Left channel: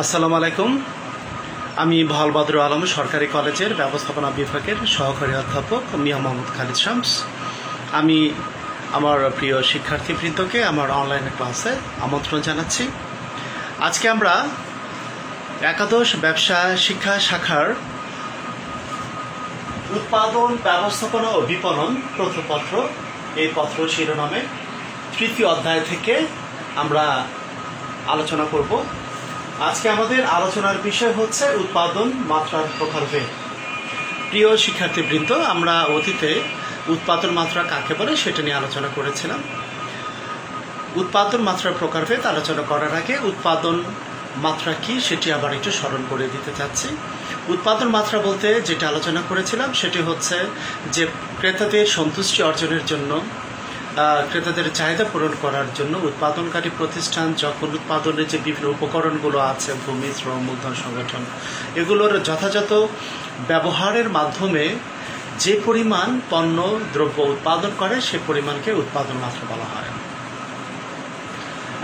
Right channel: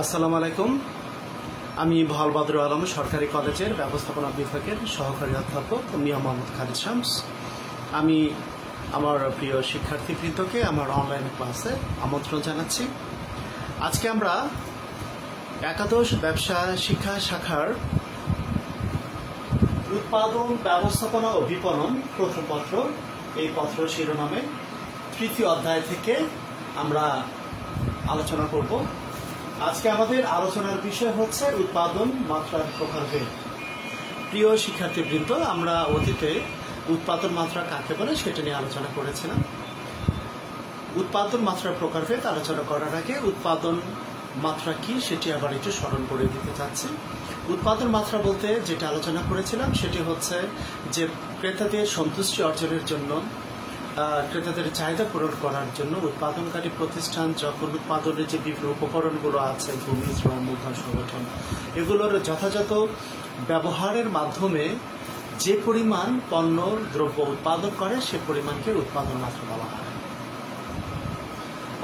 আসসালামু আলাইকুম। আমি ভাওয়াল বদরুল আলম সরকারি কলেজের ব্যবস্থাপনা বিভাগের সহকারী অধ্যাপক মিয়া মোহাম্মদ খালিদ শামস। আমি আমার প্রিয় শিক্ষার্থীবৃন্দকে আমার অনলাইন ক্লাসে আমন্ত্রণ জানাচ্ছি। আজকে আমরা একাদশ ব্যবসা শিক্ষা শাখার উৎপাদন ব্যবস্থাপনা ও বিপণন প্রথম পত্র, এই পত্র শিরোনামে তৃতীয় অধ্যায় থেকে আমরা আলোচনা করব। আজকে আমাদের আলোচনার বিষয় হচ্ছে উৎপাদন মাত্রার প্রকারভেদ। প্রিয় শিক্ষার্থীবৃন্দ, আমরা অতীতে উৎপাদন মাত্রা কাকে বলে সেটা নিয়ে আলোচনা করেছিলাম। উৎপাদন মাত্রার প্রকারভেদ আলোচনা করার আগে উৎপাদন মাত্রা কি সেটি আবার একটু স্মরণ করে দিতে চাচ্ছি। উৎপাদন মাত্রা বলতে যেটা আলোচনা করেছিলাম সেটি হচ্ছে যে ক্রেতাদের সন্তুষ্টি অর্জনের জন্য, ক্রেতাদের চাহিদা পূরণ করার জন্য উৎপাদনকারী প্রতিষ্ঠান যখন উৎপাদনের যে বিভিন্ন উপকরণগুলো আছে, ভূমি, শ্রম, মূলধন, সংগঠন, এগুলোর যথাযথ ব্যবহারের মাধ্যমে যে পরিমাণ পণ্য দ্রব্য উৎপাদন করে সে পরিমাণকে উৎপাদন মাত্রা বলা হয়।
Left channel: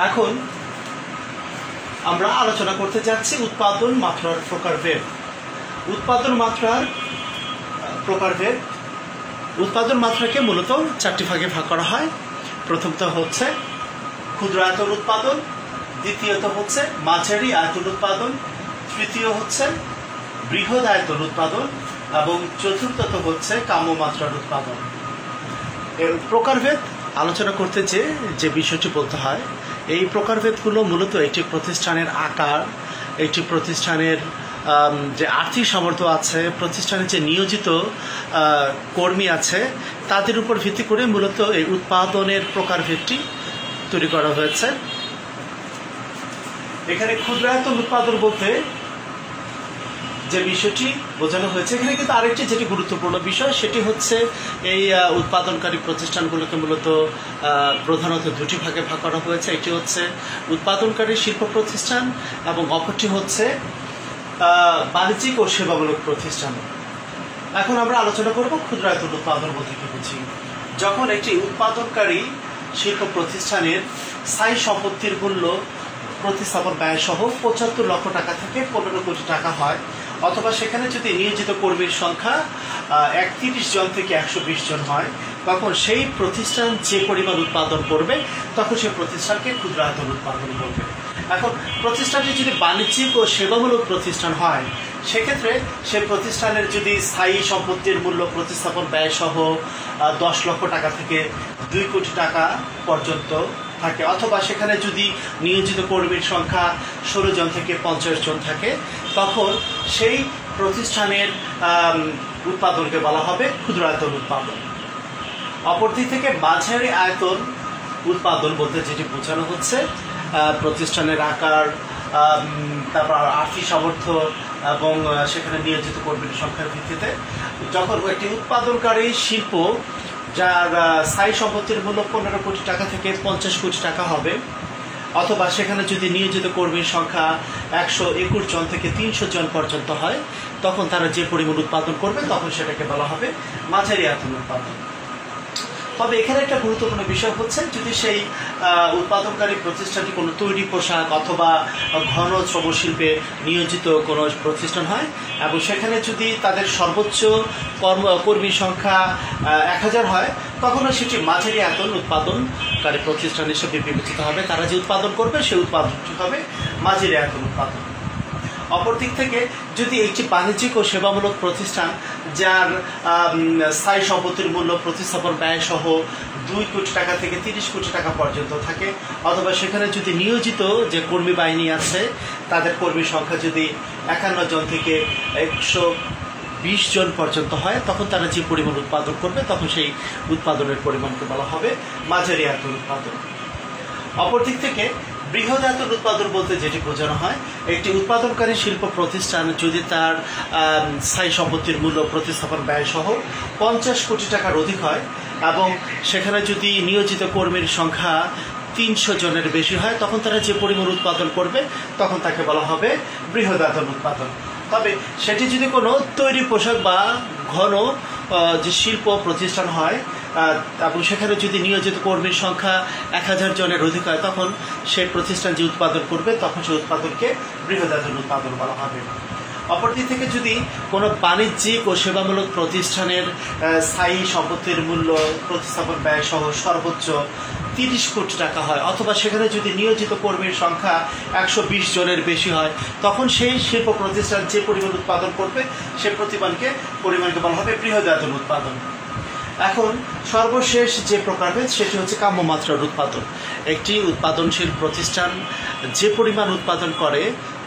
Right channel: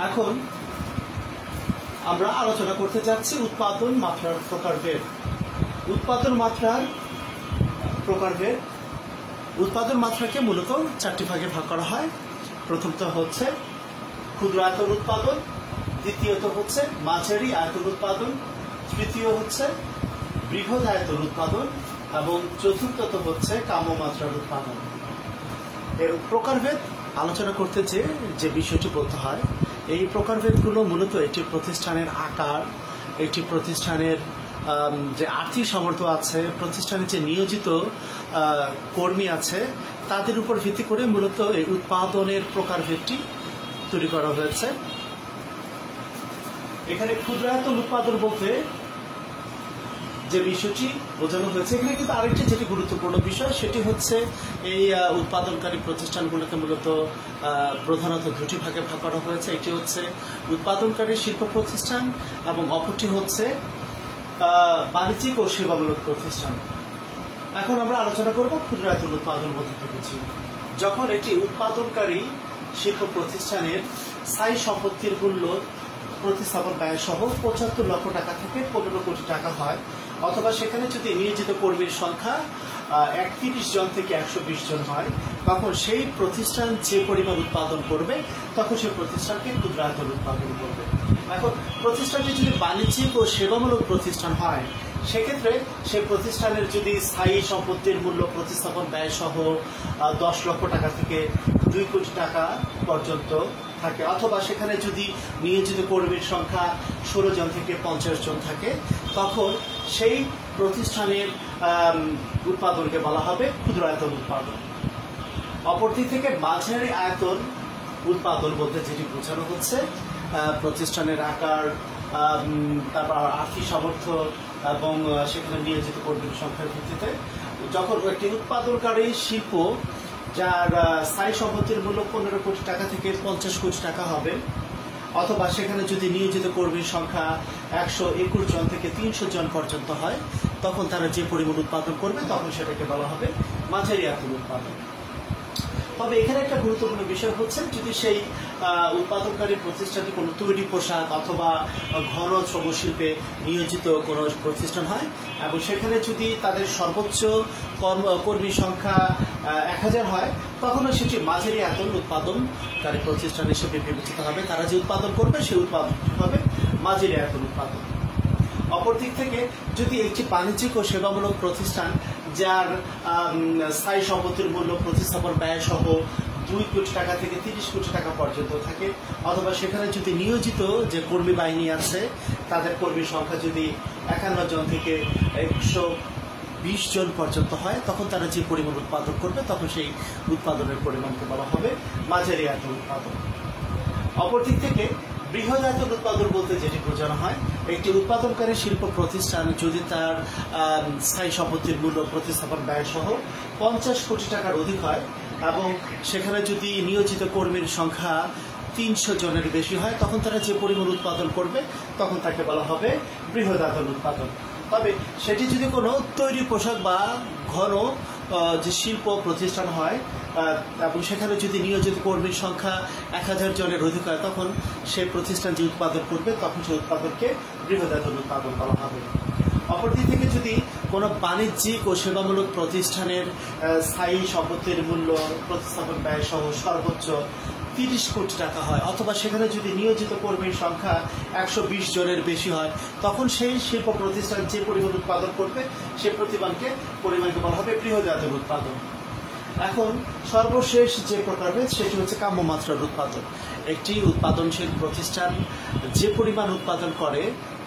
এখন আমরা আলোচনা করতে যাচ্ছি উৎপাদন মাত্রার প্রকারভেদ। উৎপাদন মাত্রার প্রকারভেদ, উৎপাদন মাত্রাকে মূলত চারটি ভাগে ভাগ করা হয়। প্রথমত হচ্ছে ক্ষুদ্র আয়তন উৎপাদন, দ্বিতীয়ত হচ্ছে মাঝারি আয়তন উৎপাদন, তৃতীয় হচ্ছে বৃহৎ আয়তন উৎপাদন এবং চতুর্থত হচ্ছে কাম্য মাত্রার উৎপাদন। এর প্রকারভেদ আলোচনা করতে যে বিষয়টি বলতে হয়, এই প্রকারভেদগুলো মূলত একটি প্রতিষ্ঠানের আকার, একটি প্রতিষ্ঠানের যে আর্থিক সামর্থ্য আছে, প্রতিষ্ঠানের যে নিয়োজিত কর্মী আছে, তাদের উপর ভিত্তি করে মূলত এই উৎপাদনের প্রকারভেদটি তৈরি করা হয়েছে। এখানে ক্ষুদ্রায়তন উৎপাদন বলতে যে বিষয়টি বোঝানো হয়েছে, এখানে কিন্তু আরেকটি যেটি গুরুত্বপূর্ণ বিষয় সেটি হচ্ছে এই উৎপাদনকারী প্রতিষ্ঠানগুলোকে মূলত প্রধানত দুটি ভাগে ভাগ করা হয়েছে। একটি হচ্ছে উৎপাদনকারী শিল্প প্রতিষ্ঠান এবং অপরটি হচ্ছে বাণিজ্যিক ও সেবামূলক প্রতিষ্ঠান। এখন আমরা আলোচনা করব ক্ষুদ্রায়তন উৎপাদন বলতে কি বুঝি। যখন একটি উৎপাদনকারী শিল্প প্রতিষ্ঠানের স্থায়ী সম্পত্তির মূল্য প্রতিস্থাপন ব্যয় সহ ৭৫ লক্ষ টাকা থেকে ১৫ কোটি টাকা হয়, অথবা সেখানে যদি নিয়োজিত কর্মীর সংখ্যা ৩১ জন থেকে ১২০ জন হয়, তখন সেই প্রতিষ্ঠান যে পরিমাণ উৎপাদন করবে তখন সেই প্রতিষ্ঠানকে ক্ষুদ্রায়তন উৎপাদন বলবে। এখন প্রতিষ্ঠানটি যদি বাণিজ্যিক ও সেবামূলক প্রতিষ্ঠান হয়, সেক্ষেত্রে সে প্রতিষ্ঠানের যদি স্থায়ী সম্পত্তির মূল্য প্রতিস্থাপন ব্যয় সহ ১০ লক্ষ টাকা থেকে ২ কোটি টাকা পর্যন্ত থাকে, অথবা সেখানে যদি নিয়োজিত কর্মীর সংখ্যা ১৬ জন থেকে ৫০ জন থাকে, তখন সেই প্রতিষ্ঠানের উৎপাদনকে বলা হবে ক্ষুদ্রায়তন উৎপাদন। অপরদিক থেকে মাঝারি আয়তন উৎপাদন বলতে যেটি বোঝানো হচ্ছে প্রতিষ্ঠানের আকার, তারপর আর্থিক সামর্থ্য এবং সেখানে নিয়োজিত কর্মীর সংখ্যার ভিত্তিতে যখন একটি উৎপাদনকারী শিল্প যার স্থায়ী সম্পত্তির মূল্য ১৫ কোটি টাকা থেকে ৫০ কোটি টাকা হবে, অথবা সেখানে যদি নিয়োজিত কর্মীর সংখ্যা ১২১ জন থেকে ৩০০ জন পর্যন্ত হয়, তখন তারা যে পরিমাণ উৎপাদন করবে তখন সেটাকে বলা হবে মাঝারি আয়তন উৎপাদন। তবে এখানে একটা গুরুত্বপূর্ণ বিষয় হচ্ছে, যদি সেই উৎপাদনকারী প্রতিষ্ঠানটি কোনো তৈরি পোশাক অথবা ঘন শ্রমশিল্পে নিয়োজিত কোনো প্রতিষ্ঠান হয় এবং সেখানে যদি তাদের সর্বোচ্চ কর্মী সংখ্যা ১,০০০ হয়, তখনও সেটি মাঝারি আয়তন উৎপাদনকারী প্রতিষ্ঠান হিসেবে বিবেচিত হবে। তারা যে উৎপাদন করবে সেই উৎপাদনটি হবে মাঝারি আয়তন উৎপাদন। অপরদিক থেকে যদি একটি বাণিজ্যিক ও সেবামূলক প্রতিষ্ঠান যার স্থায়ী সম্পত্তির মূল্য প্রতিস্থাপন ব্যয় সহ ২ কোটি টাকা থেকে ৩০ কোটি টাকা পর্যন্ত থাকে, অথবা সেখানে যদি নিয়োজিত যে কর্মী বাহিনী আছে তাদের কর্মী সংখ্যা যদি ৫১ জন থেকে ১২০ জন পর্যন্ত হয়, তখন তারা যে পরিমাণ উৎপাদন করবে তখন সেই উৎপাদনের পরিমাণকে বলা হবে মাঝারি আয়তন উৎপাদন। অপরদিক থেকে বৃহৎ আয়তন উৎপাদন বলতে যেটি বোঝানো হয়, একটি উৎপাদনকারী শিল্প প্রতিষ্ঠান যদি তার স্থায়ী সম্পত্তির মূল্য প্রতিস্থাপন ব্যয় সহ ৫০ কোটি টাকার অধিক হয় এবং সেখানে যদি নিয়োজিত কর্মীর সংখ্যা ৩০০ জনের বেশি হয়, তখন তারা যে পরিমাণ উৎপাদন করবে তখন তাকে বলা হবে বৃহৎ আয়তন উৎপাদন। তবে সেটি যদি কোনো তৈরি পোশাক বা ঘন যে শিল্প প্রতিষ্ঠান হয় এবং সেখানে যদি নিয়োজিত কর্মীর সংখ্যা 1000 জনের অধিক হয়, তখন সেই প্রতিষ্ঠান যে উৎপাদন করবে তখন সেই উৎপাদনকে বৃহদায়তন উৎপাদন বলা হবে। অপরদিক থেকে যদি কোনো বাণিজ্যিক ও সেবামূলক প্রতিষ্ঠানের স্থায়ী সম্পত্তির মূল্য প্রতিস্থাপন ব্যয় সহ সর্বোচ্চ 30 কোটি টাকা হয়, অথবা সেখানে যদি নিয়োজিত কর্মীর সংখ্যা 120 জনের বেশি হয়, তখন সেই শিল্প প্রতিষ্ঠান যে পরিমাণ উৎপাদন করবে সে পরিমাণকে বলা হবে বৃহদায়তন উৎপাদন। এখন সর্বশেষ যে প্রকারভেদ সেটি হচ্ছে কাম্যমাত্রার উৎপাদন। একটি উৎপাদনশীল প্রতিষ্ঠান যে পরিমাণ উৎপাদন করে,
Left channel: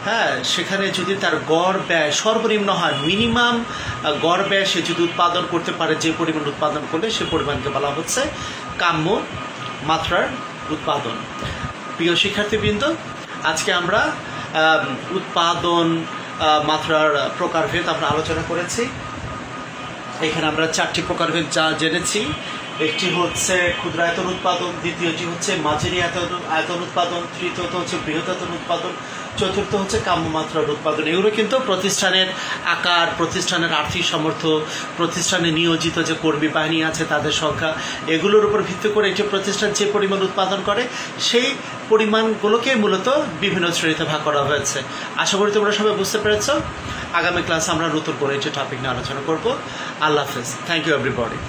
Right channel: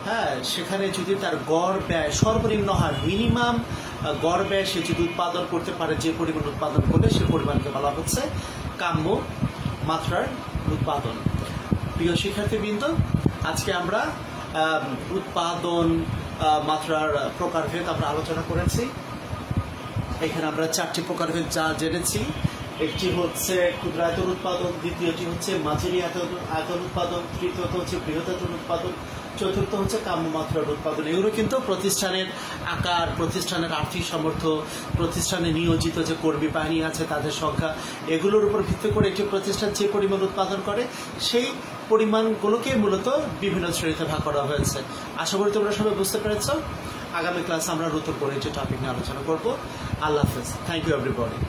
হ্যাঁ, সেখানে যদি তার গড় ব্যয় সর্বনিম্ন হয়, মিনিমাম গড় ব্যয় সে যদি উৎপাদন করতে পারে যে পরিমাণ উৎপাদন করলে সে পরিমাণকে বলা হচ্ছে কাম্য মাত্রার উৎপাদন। প্রিয় শিক্ষার্থীবৃন্দ, আজকে আমরা উৎপাদন মাত্রার প্রকারভেদ আমরা আলোচনা করেছি। এখানে আমরা 4টি প্রকারভেদ যা জেনেছি। একটি হচ্ছে ক্ষুদ্রায়তন উৎপাদন, দ্বিতীয়টি হচ্ছে মাঝারি আয়তন উৎপাদন, তৃতীয়ত হচ্ছে বৃহদায়তন উৎপাদন, চতুর্থ হচ্ছে কাম্যমাত্রার উৎপাদন। এগুলো কিন্তু প্রতিষ্ঠানের আকার, প্রতিষ্ঠানের আর্থিক সামর্থ্য, প্রতিষ্ঠানে নিয়োজিত যে কর্মী বাহিনী আছে তাদের সংখ্যা, এগুলোর উপর ভিত্তি করে একটি প্রতিষ্ঠান যে পরিমাণ উৎপাদন করে সেই পরিমাণগুলোকে মূলত বিভিন্ন শ্রেণীতে ভাগ করা হয়েছে। আশা করি তোমরা সবাই বুঝতে পেরেছ। আগামী ক্লাসে আমরা নতুন করে একটি টপিক নিয়ে আলোচনা করব। আল্লাহ হাফেজ। Thank you everybody.